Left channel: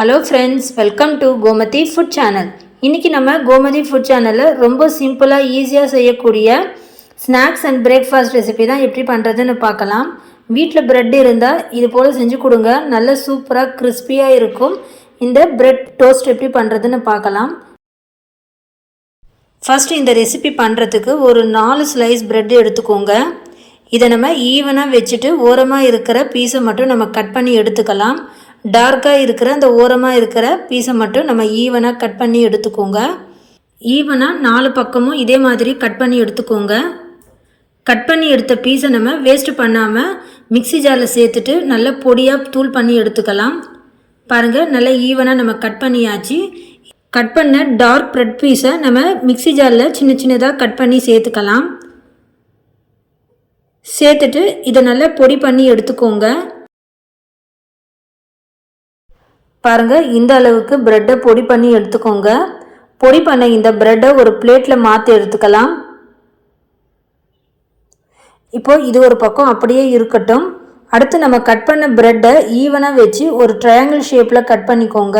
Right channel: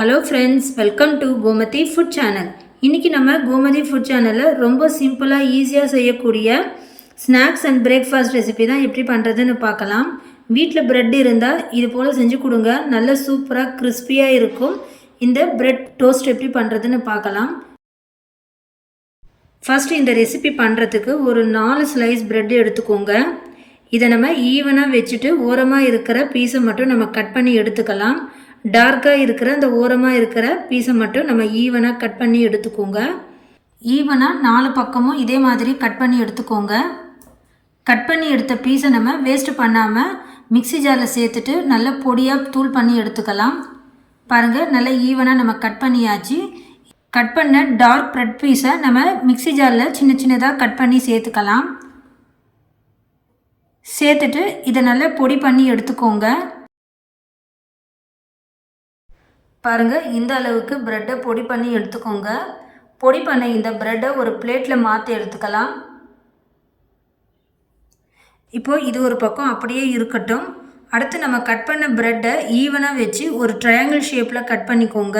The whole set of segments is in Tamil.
Hello friends, welcome to Gomathi food channel. இன்றைக்கி நம்ம கோமதி ஃபுட் சேனலில் ரொம்ப சிம்பிளாக ஈஸியாக செய்யக்கூடிய ஸ்நாக்ஸ் அண்ட் பிரேக்ஃபாஸ்ட் ரெசிபி தான் எப்படி பண்ணுறதுன்னு பார்க்கலாம். வீட்டில் ப்ரெட் இருந்தால் இது போல் செஞ்சு கொடுங்க, நல்ல சூப்பராக கிறிஸ்பியாக இருக்கும். இந்த ப்ரெட் டோஸ்ட் எப்படி பண்ணுறதுன்னு பார்க்கலாம். ஃபஸ்ட்டு இந்த ரெசிபி பண்ணுறதுக்கு ஒரு 4 ஸ்லைஸ் ப்ரெட் எடுத்துக்கோங்க. இதை நம்ம ஈவனாக வச்சுட்டு ஓரமாக இருக்கிற பீஸை மட்டும் நம்ம கட் பண்ணி எடுத்துக்கலாம். டார்க்காக இருக்கிற அந்த ஓரமாக இருக்கிற பீஸை மட்டும் நம்ம ஈவனாக கட் பண்ணி எடுத்துக்கோங்க. ஈவனாக 4 பக்கமும் இதே மாதிரி கட் பண்ணி எடுத்துக்கோங்க. கட் பண்ணி எடுத்த பீஸை நம்ம வேஸ்ட் பண்ணாமல் மிக்ஸி ஜாரில் சேர்த்துட்டு நல்ல பொடியாக தூள் பண்ணி எடுத்துக்கலாம். பாருங்கள், நல்லா ஈவனாக நம்ம கட் பண்ணியாச்சு. கட் பண்ண டார்க் ப்ரெட் பீஸை நம்ம மிக்ஸி ஜாரில் சின்ன சின்னதாக கட் பண்ணி சேர்த்துக்கலாம். சேர்த்துட்டு இதை நல்லா பொடி பண்ணி எடுத்துக்கோங்க. பாருங்கள், இந்த அளவுக்கு ப்ரெட்டை பொடி பண்ணி எடுத்துக்கோங்க. பொடி பண்ண இந்த ப்ரெட்டை ஒரு பிளேட்டில் மாற்றி எடுத்துக்கலாம். இப்போது இது ஒரு பக்கம் அப்படியே இருக்கட்டும். அடுத்து நம்ம கட் பண்ண ப்ரெட்டை ஈவனாக வச்சு ஒரு ட்ரையாங்கிள் ஷேப்பில் கட் பண்ணிக்கோங்க.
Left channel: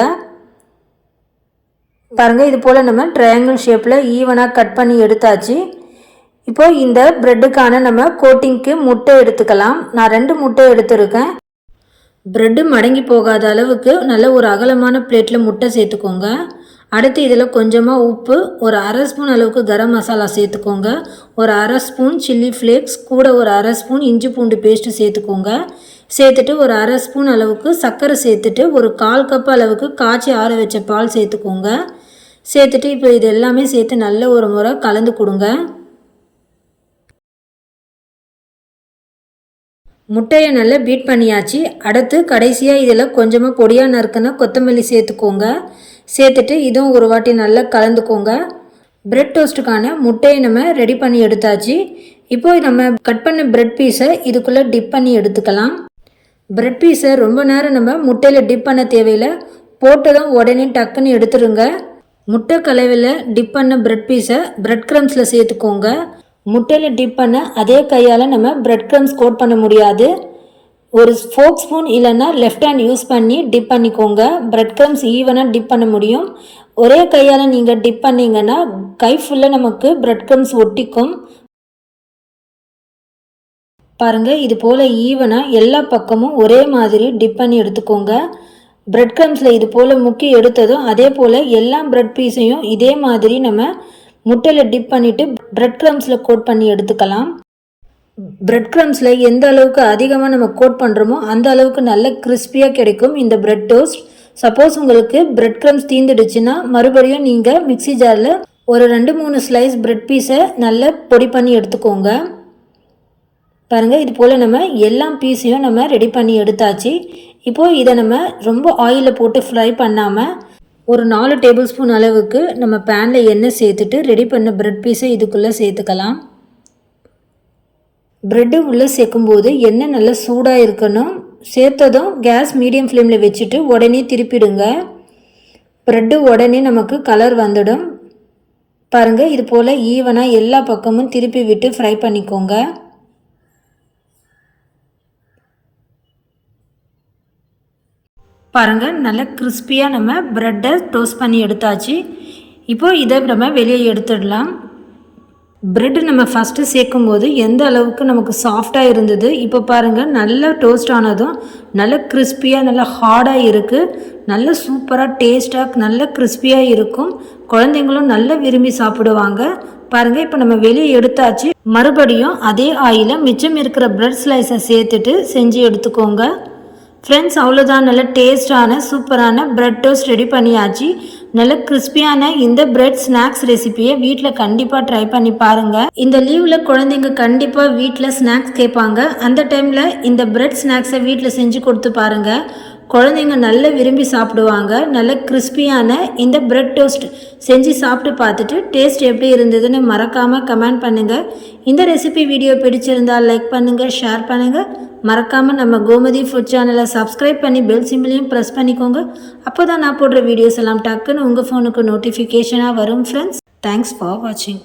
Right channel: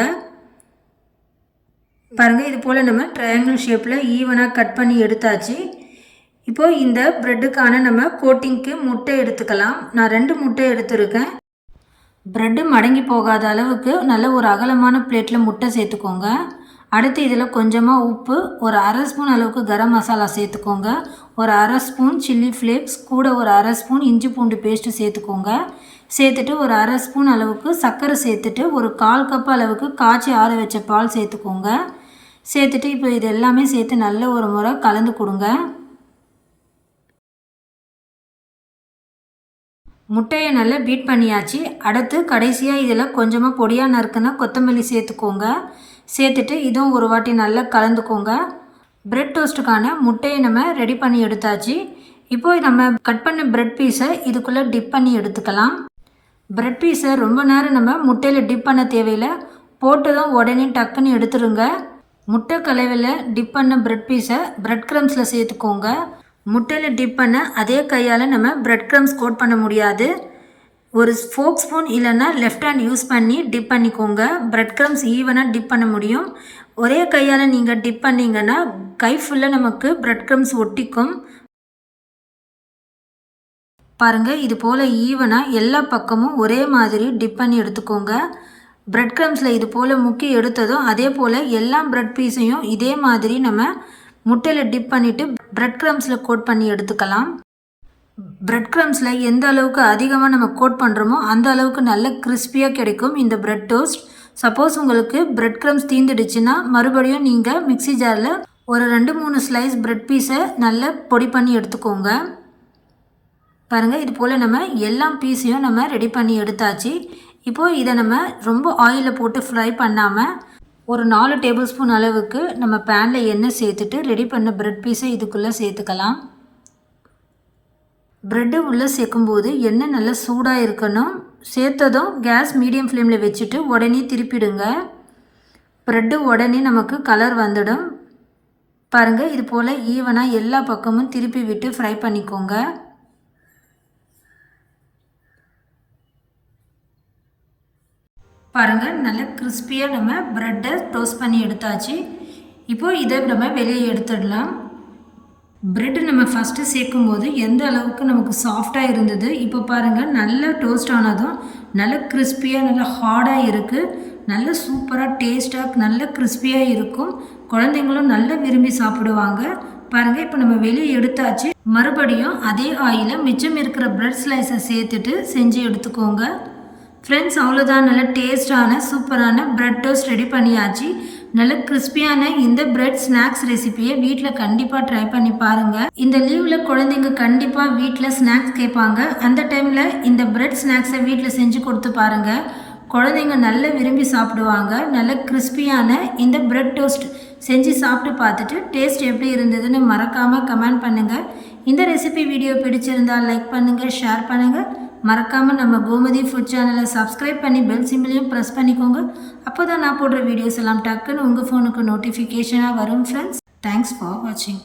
பாருங்கள், இது போல் நம்ம ட்ரையாங்கிள் ஷேப்பில் ஈவனாக கட் பண்ணி எடுத்தாச்சு. இப்போது இந்த ப்ரெட்டுக்கான நம்ம கோட்டிங்க்கு முட்டை எடுத்துக்கலாம். நான் 2 முட்டை எடுத்துருக்கேன். ப்ரெட்டு மடங்கி போகாத அளவுக்கு நல்ல ஒரு அகலமான பிளேட்டில் முட்டை சேர்த்துக்கோங்க. அடுத்து இதில் கொஞ்சமாக உப்பு, ஒரு 1/2 ஸ்பூன் அளவுக்கு கரம் மசாலா சேர்த்துக்கோங்க. ஒரு 1/2 ஸ்பூன் சில்லி ஃப்ளேக்ஸ், கூட ஒரு 1/2 ஸ்பூன் இஞ்சி பூண்டு பேஸ்ட்டு சேர்த்துக்கோங்க. சேர்த்துட்டு ஒரு 1/2 ஸ்பூன் அளவுக்கு சர்க்கரை சேர்த்துட்டு ஒரு 1/4 கப் அளவுக்கு காய்ச்சி ஆற வச்ச பால் சேர்த்துக்கோங்க. சேர்த்துட்டு இப்போ இது எல்லாமே சேர்த்து நல்ல ஒரு முறை கலந்து கொடுங்க. முட்டையை நல்லா பீட் பண்ணியாச்சு. அடுத்து கடைசியாக இதில் கொஞ்சமாக பொடியாக நறுக்குன்னா கொத்தமல்லி சேர்த்துக்கோங்க. சேர்த்துட்டு இதுவும் ஒரு வாட்டி நல்லா கலந்துக்கோங்க. ப்ரெட் டோஸ்ட்டுக்கான முட்டையை நம்ம ரெடி பண்ணி எடுத்தாச்சு. இப்போது நம்ம கட் பண்ண ப்ரெட் பீஸை இதுக்குள்ளே டிப் பண்ணி எடுத்துக்கலாம். ப்ரெட் பீஸை ரொம்ப நேரம் நம்ம முட்டையில் டிப் பண்ண தேவையில்லை, போட்டதும் உடனே டக்குன்னு எடுத்துருங்க. முட்டை கலவையில் டிப் பண்ண ப்ரெட் பீஸை ப்ரெட் க்ரம்ஸில் சேர்த்துக்கோங்க. முட்டையில் டிப் பண்ண அதே கையால் நம்ம ப்ரெட் க்ரம்ஸ் கோட் பண்ண முடியாது. ஒரு ஃபோக் ஸ்பூன் இல்லைன்னா லெஃப்ட் ஹேண்ட் யூஸ் பண்ணி டிப் பண்ணிக்கோங்க. ப்ரெட் க்ரம்ஸ் ஈவனாக டிப் பண்ண முடியும். ஒரே கையால் நீங்கள் டிப் பண்ணிங்கன்னா கை ஃபுல்லாக நமக்கு ப்ரெட் க்ரம்ஸ் ஒட்டிக்கும். பாருங்கள், இது போல் ஈவனாக எல்லா பக்கமும் ஒரே மாதிரி டிப் பண்ணி எடுத்துக்கோங்க. ப்ரெட் க்ரம்ஸில் இது போல் முக்கி எடுத்ததும் அதே போல் எல்லா ப்ரெட் பீஸையும் இதே மாதிரி நம்ம முட்டையில் டிப் பண்ணிவிட்டு ப்ரெட் க்ரம்ஸில் கோட் பண்ணி எடுத்துக்கலாம். ப்ரெட் க்ரம்ஸில் எந்த அளவுக்கு அதிகமாக நம்ம கோட் பண்ணுறோமோ அந்த அளவுக்கு நல்ல கிறிஸ்பியாக கிடைக்கும் இந்த ப்ரெட் டோஸ்ட். சப்போஸ் உங்களுக்கு ப்ரெட் க்ரம்ஸ் தீந்துடுச்சுன்னா மறுபடியும் நீங்கள் மிக்ஸி ஜாரில் ஒரு 2-3 ஸ்லைஸ் ப்ரெட் பீஸை நல்லா பொடி பண்ணி எடுத்துக்கோங்க. பாருங்கள், இது போல் நம்ம எல்லா பீஸையும் நம்ம ரெடி பண்ணி எடுத்தாச்சு. இப்போது இதை நம்ம ரொம்ப ஆயிலில் போட்டு ஃப்ரை பண்ணாமல் ஒரு 4 டேபிள் ஸ்பூன் அளவுக்கு நம்ம பேனில் எண்ணெய் சேர்த்துட்டு ரெடி பண்ண ப்ரெட் பீஸை இதுக்குள்ளே சேர்த்துக்கலாம். ப்ரெட்டு உள்ளே சேர்க்கும்போது எண்ணெய் நல்லா சூடாக இருக்கணும். சேர்த்ததும் கேஸ் மீடியம் ஃப்ளேமில் வச்சுட்டு உடனே திருப்பிடுங்க. ப்ரெட்டு உடனே நமக்கு கலர் வந்துடும். பாருங்கள், இது போல் ஈவனாக எல்லா பக்கமும் திருப்பி விட்டு ஃப்ரை பண்ணிக்கோங்க. பாருங்கள், நல்லா கிறிஸ்பியாக நம்ம ப்ரெட்டை டோஸ்ட் பண்ணி எடுத்தாச்சு. இப்போது இதை நம்ம வெளியே எடுத்துடலாம். ப்ரெட்டு நம்ம ஃபஸ்ட்டு சேர்க்கும்போது எந்த அளவுக்கு நமக்கு சாஃப்டாக இருந்தது, இப்போ பாருங்கள் நல்லா டோஸ்ட் ஆனதும் நல்ல கிறிஸ்பியாக நல்லா ஹார்டாக இருக்குது. நல்ல சூப்பராக டேஸ்ட்டாக நல்ல கிறிஸ்பியாக இருக்கும். குழந்தைங்களும் நல்லா விரும்பி சாப்பிடுவாங்க. பாருங்கள், இப்போ நம்ம வெளியே எடுத்தாச்சு. மறுபடியும் அதே ஆயிலில் மிச்சம் இருக்கிற ப்ரெட் ஸ்லைஸை சேர்த்துட்டு செஞ்சு எடுத்துக்கோங்க. ஃப்ரெண்ட்ஸ், அவ்வளோதான், நல்ல டேஸ்டான சூப்பரான ப்ரெட் டோஸ்ட் ரெடி பண்ணியாச்சு. நல்ல கிறிஸ்பியான இந்த ப்ரெட் ஸ்நாக்ஸ் ரெசிபியை வீட்டில் கண்டிப்பாக ட்ரை பண்ணி பாருங்கள். இந்த லீவில் குழந்தைங்க கண்டிப்பாக வீட்டில் ஸ்நாக்ஸ் கேட்பாங்க. அந்த டைமில் இந்த ப்ரெட் ஸ்நாக்ஸை வீட்டில் செஞ்சு கொடுத்து பாருங்கள். குழந்தைங்க நல்லா விரும்பி சாப்பிடுவாங்க. நல்ல கிறிஸ்பியான இந்த ப்ரெட் டோஸ்ட் செஞ்சு சாப்பிட்டு பார்த்துட்டு டேஸ்ட் எப்படி இருந்ததுன்னு மறக்காமல் கமெண்ட் பண்ணுங்கள். இந்த ரெசிபி வீடியோ பிடிச்சிருந்தால் லைக் பண்ணுங்கள், ஷேர் பண்ணுங்கள். மறக்காமல் நம்ம கோமதி ஃபுட் சேனலை சப்ஸ்கிரைப் பண்ணி பெல் சிம்பிளையும் ப்ரெஸ் பண்ணிக்கோங்க. அப்போ தான் நான் போடுற வீடியோஸ் எல்லாம் டக்குன்னு உங்கள் ஃபோனுக்கு நோட்டிஃபிகேஷனாக வரும். ஃப்ரெண்ட்ஸ், தேங்க்ஸ் ஃபார் வாட்சிங்.